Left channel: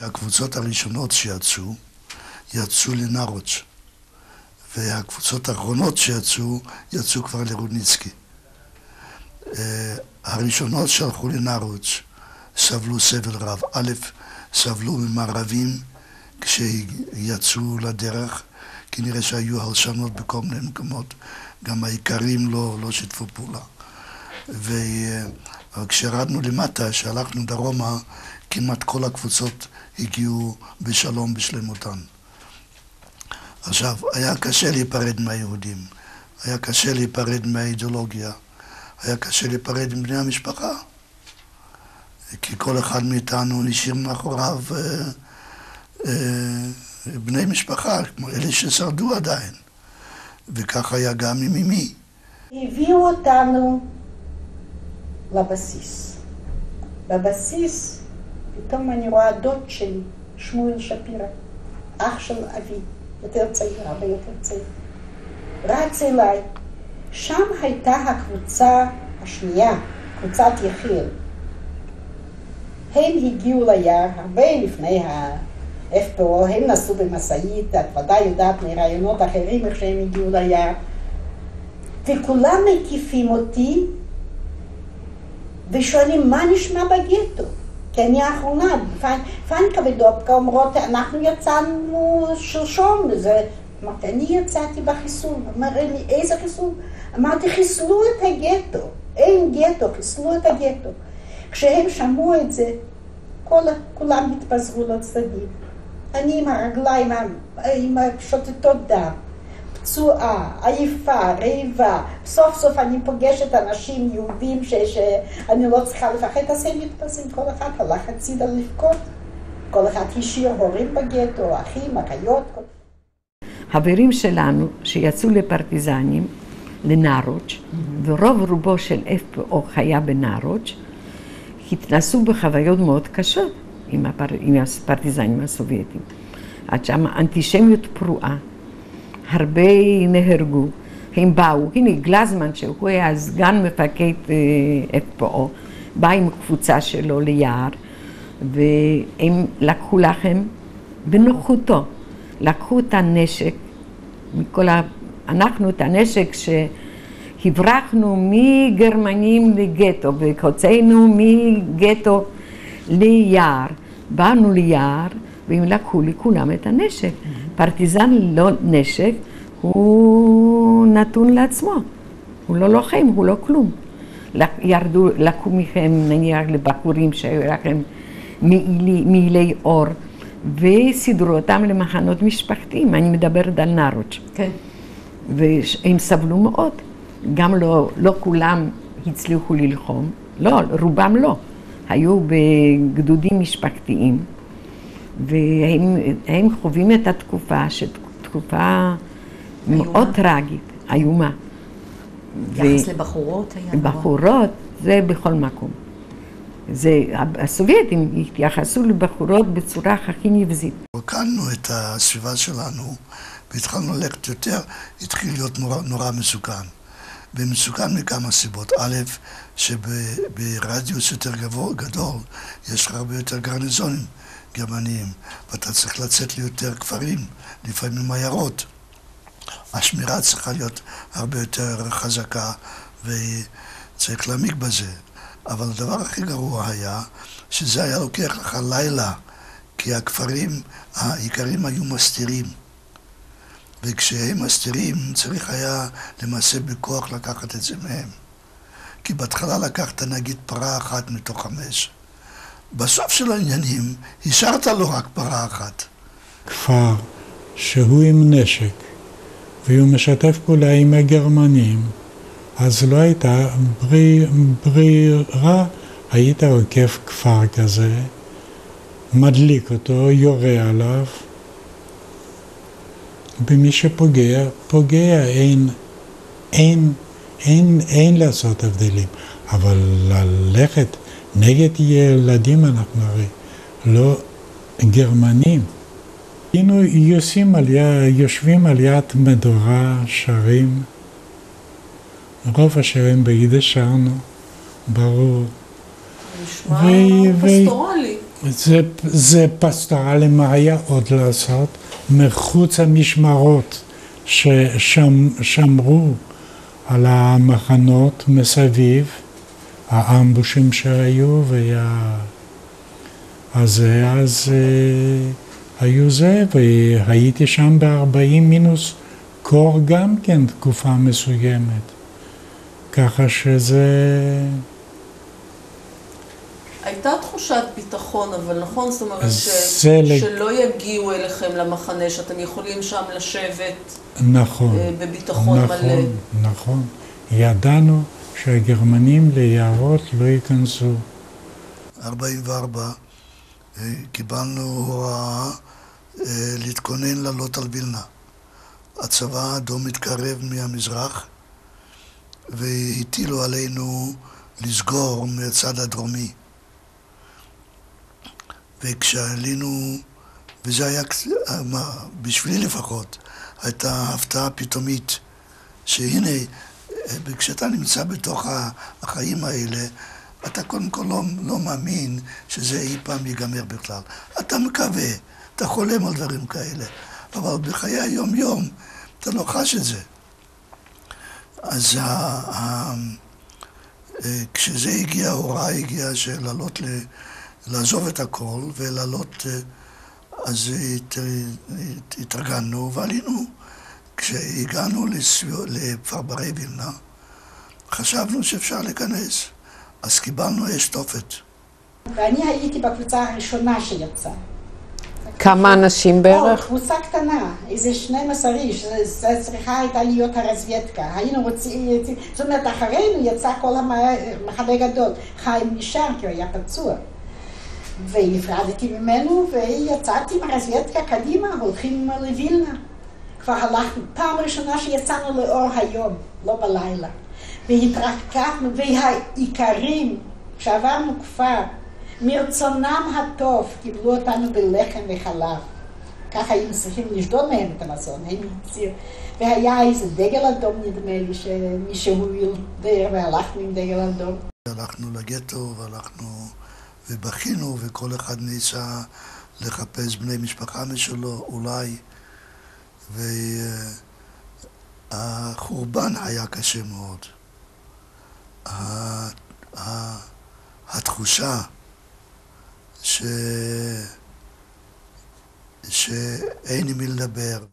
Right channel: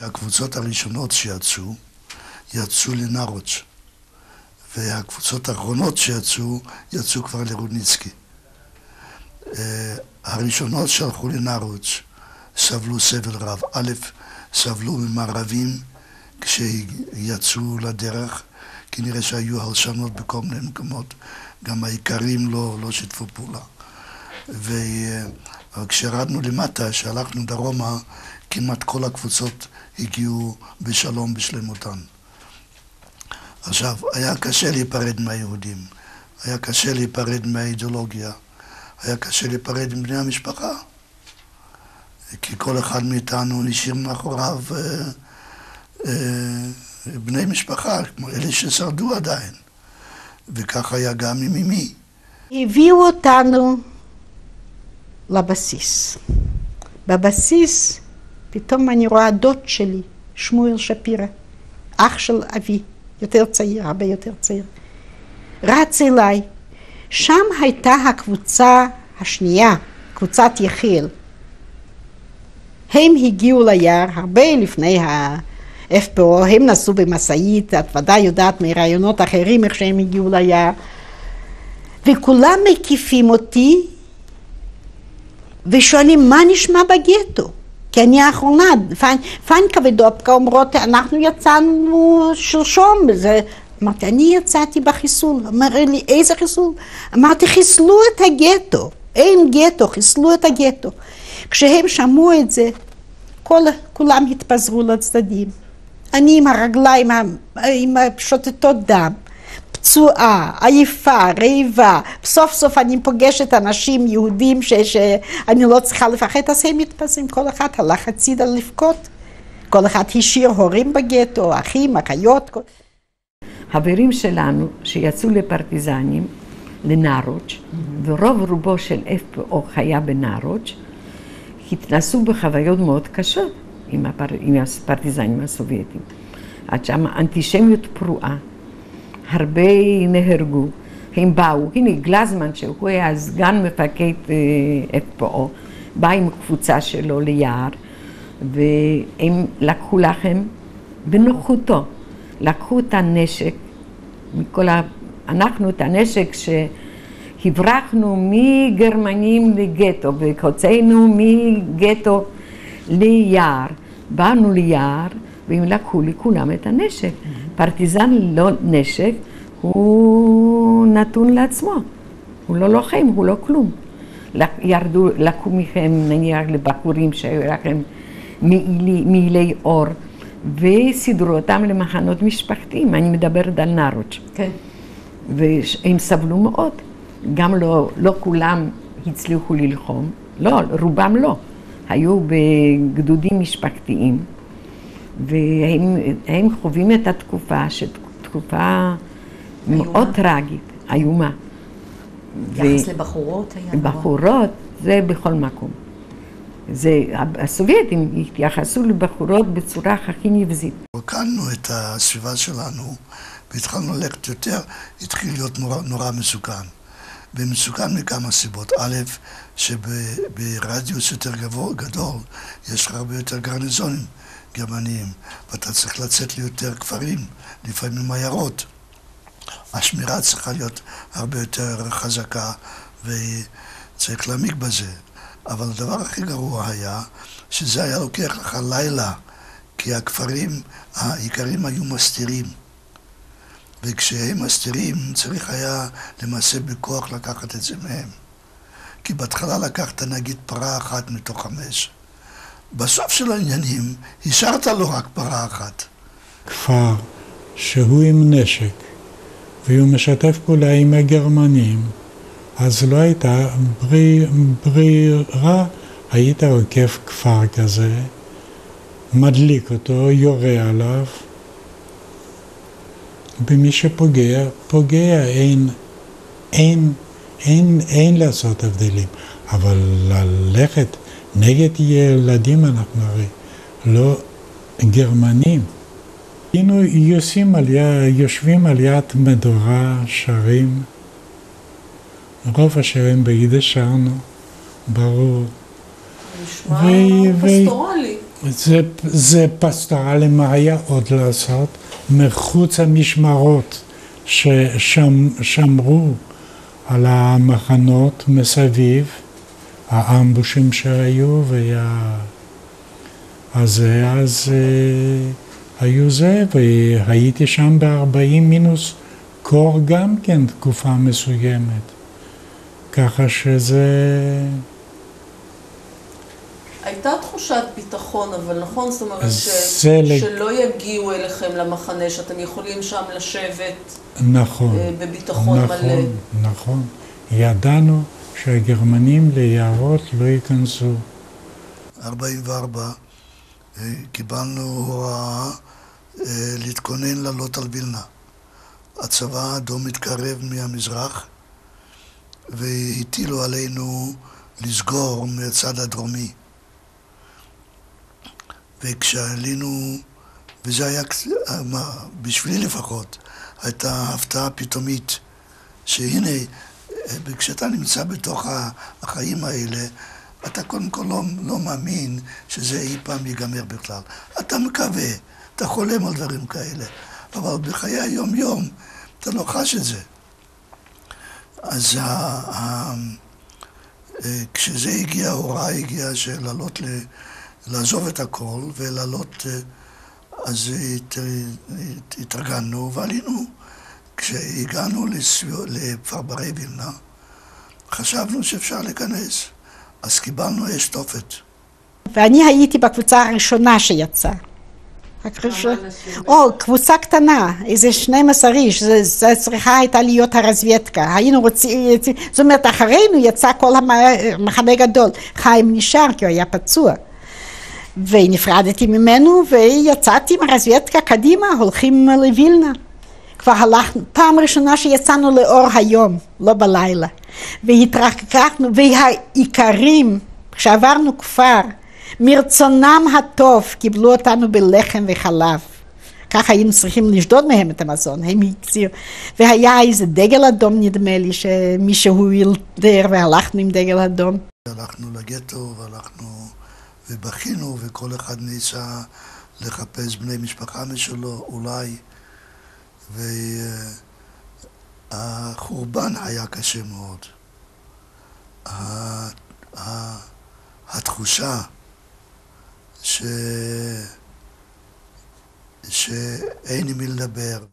הקבוצות הראשונות יצאו לנרוץ', והקבוצות האחרונות יצאו כבר לרודניצקי. הראשונות שהלכו לנרוץ' סבלו סבל רב. א', סבלו ממערבים כשיצאו לדרך, כי נראה שהיו הלשנות בכל מיני מקומות. גם העיקרים לא שיתפו פעולה. וכשרדנו למטה, שהלכנו דרומה, כמעט כל הקבוצות הגיעו בשלום בשלמותן. עכשיו, היה קשה להיפרד מהיהודים, היה קשה להיפרד מהאידיאולוגיה, היה קשה להיפרד עם בני המשפחה, כי כל אחד מאיתנו נשאיר מאחוריו בני משפחה, כמו אלה ששרדו עדיין, וכך היה גם עם אמי. הביאו אותנו לבסיס. בבסיס פתאום אני רואה דוד שלי, שמואל שפירא, אח של אבי, יותר צעיר, הרבה יותר צעיר, רץ אליי. שם הייתה הקבוצה השנייה, קבוצת יחיאל. הם הגיעו ליער הרבה לפני ה-FPO, הם נסעו במסעית, את ודאי יודעת מרעיונות אחרים איך שהם הגיעו ליער, וכולם מקיפים אותי ושואלים מה נשמע בגטו, כי אני האחרונה, פנקה ודופקה אומרות, אנחנו יצאנו שלשום, אמרתי, אני יצאתי בחיסול. אמר לי, איזה חיסול? אמרתי, חיסלו את הגטו, אין גטו, חיסלו את הגטו. כשהם שמעו את זה, כולם התפזרו לצדדים. אני עם הרגליים, עם שוטטות דם, פצועה, עייפה, רעיבה. סוף סוף אני פוגשת אנשים יהודים שאני לא צריכה לפחד, אז הם מתפזרים, כל אחד הלך הצידה לבכות. כל אחד השאיר הורים בגטו, אחים, אחיות. חברים שלנו שיצאו לפרטיזנים, לנרוץ', ורוב רובו של FPO היה בנרוץ', התנסו בחוויות מאוד קשות עם הפרטיזנים הסובייטים. עד שם אנטישמיות פרועה, הרבה נהרגו, הם באו, הנה גלזמן שהוא היה סגן מפקד FPO, בא עם קבוצה שלו ליער, והם לקחו לכם בנוחותו. לקחו את הנשק, אנחנו את הנשק שהברחנו מגרמנים לגטו, והוצאנו מגטו ליער. באנו ליער, והם לקחו לכולם את הנשק. פרטיזן ללא נשק, הוא נתון לעצמו. הוא לא לוחם, הוא לא כלום. לקחו מכם נניח לבחורים שהיו לכם מעילי אור, וסידרו אותם למחנות משפחתיים, אני מדברת על נרוץ'. כן. והם סבלו מאוד, גם לא כולם הצליחו ללחום, לא, רובם לא. היו בגדודים משפחתיים, והם חווים את התקופה, תקופה מאוד טרגית, איומה. יחס לבחורות היה נורא. בחורות, זה בכל מקום. הסובייטים התייחסו לבחורות בצורה הכי נבזית. הקלנו את הסביבה שלנו והתחלנו ללכת יותר, התחיל להיות נורא מסוכן. ומסוכן מכמה סיבות. א', שברדיוס יותר גדול יש לך הרבה יותר גרניזונים גרמניים, ואתה צריך לצאת ליותר כפרים, לפעמים עיירות. השמירה צריכה להיות הרבה יותר חזקה וצריך להעמיק בזה. אבל הדבר הכי גרוע היה שזה היה לוקח לך לילה, כי הכפרים העיקרים היו מסתירים. וכשהם מסתירים צריך היה למעשה בכוח לקחת את זה מהם. כי בהתחלה לקחת נגיד פרה אחת מתוך 5. בסוף של העניינים השארת לו רק פרה אחת. 44, קיבלנו הוראה להתכונן לעלות על וילנה. הצבא האדום מתקרב מהמזרח, והטילו עלינו לסגור מהצד הדרומי. וכשעלינו, וזה היה, בשבילי לפחות, הייתה הפתעה פתאומית, שהנה, כשאתה נמצא בתוך החיים האלה, אתה קודם כל לא מאמין שזה אי פעם ייגמר בכלל. אתה מקווה, אתה חולם על דברים כאלה, אבל בחיי היום-יום אתה לא חש את זה. אז כשזה הגיע, ההוראה הגיעה לעזוב את הכל ולעלות, אז התארגנו ועלינו. כשהגענו לפרברי וילנה, חשבנו שאפשר להיכנס, אז קיבלנו אש תופת. ואני הייתי בקבוצה הראשונה שיצאה. כמה אנשים בערך? קבוצה קטנה, איזה 12 איש, זה צריכה הייתה להיות הרזוויטקה. היינו רוצים, זאת אומרת, אחרינו יצא כל המחנה גדול. חיים נשאר כי הוא היה פצוע. ונפרדתי ממנו ויצאתי עם הרזוויטקה קדימה, הולכים לווילנה. כבר הלכנו, פעם ראשונה שיצאנו לאור היום, לא בלילה. והתרחקנו, והעיקרים, כשעברנו כפר, מרצונם הטוב קיבלו אותנו בלחם וחלב. ככה היינו צריכים לשדוד מהם את המזון, הם הקצירו. והיה איזה דגל אדום, נדמה לי, שמישהו ילדר והלכנו עם דגל אדום. הלכנו לגטו והלכנו ובכינו, וכל אחד ניסה לחפש בני משפחה משלו, אולי. והחורבן היה קשה מאוד. התחושה שאין עם מי לדבר.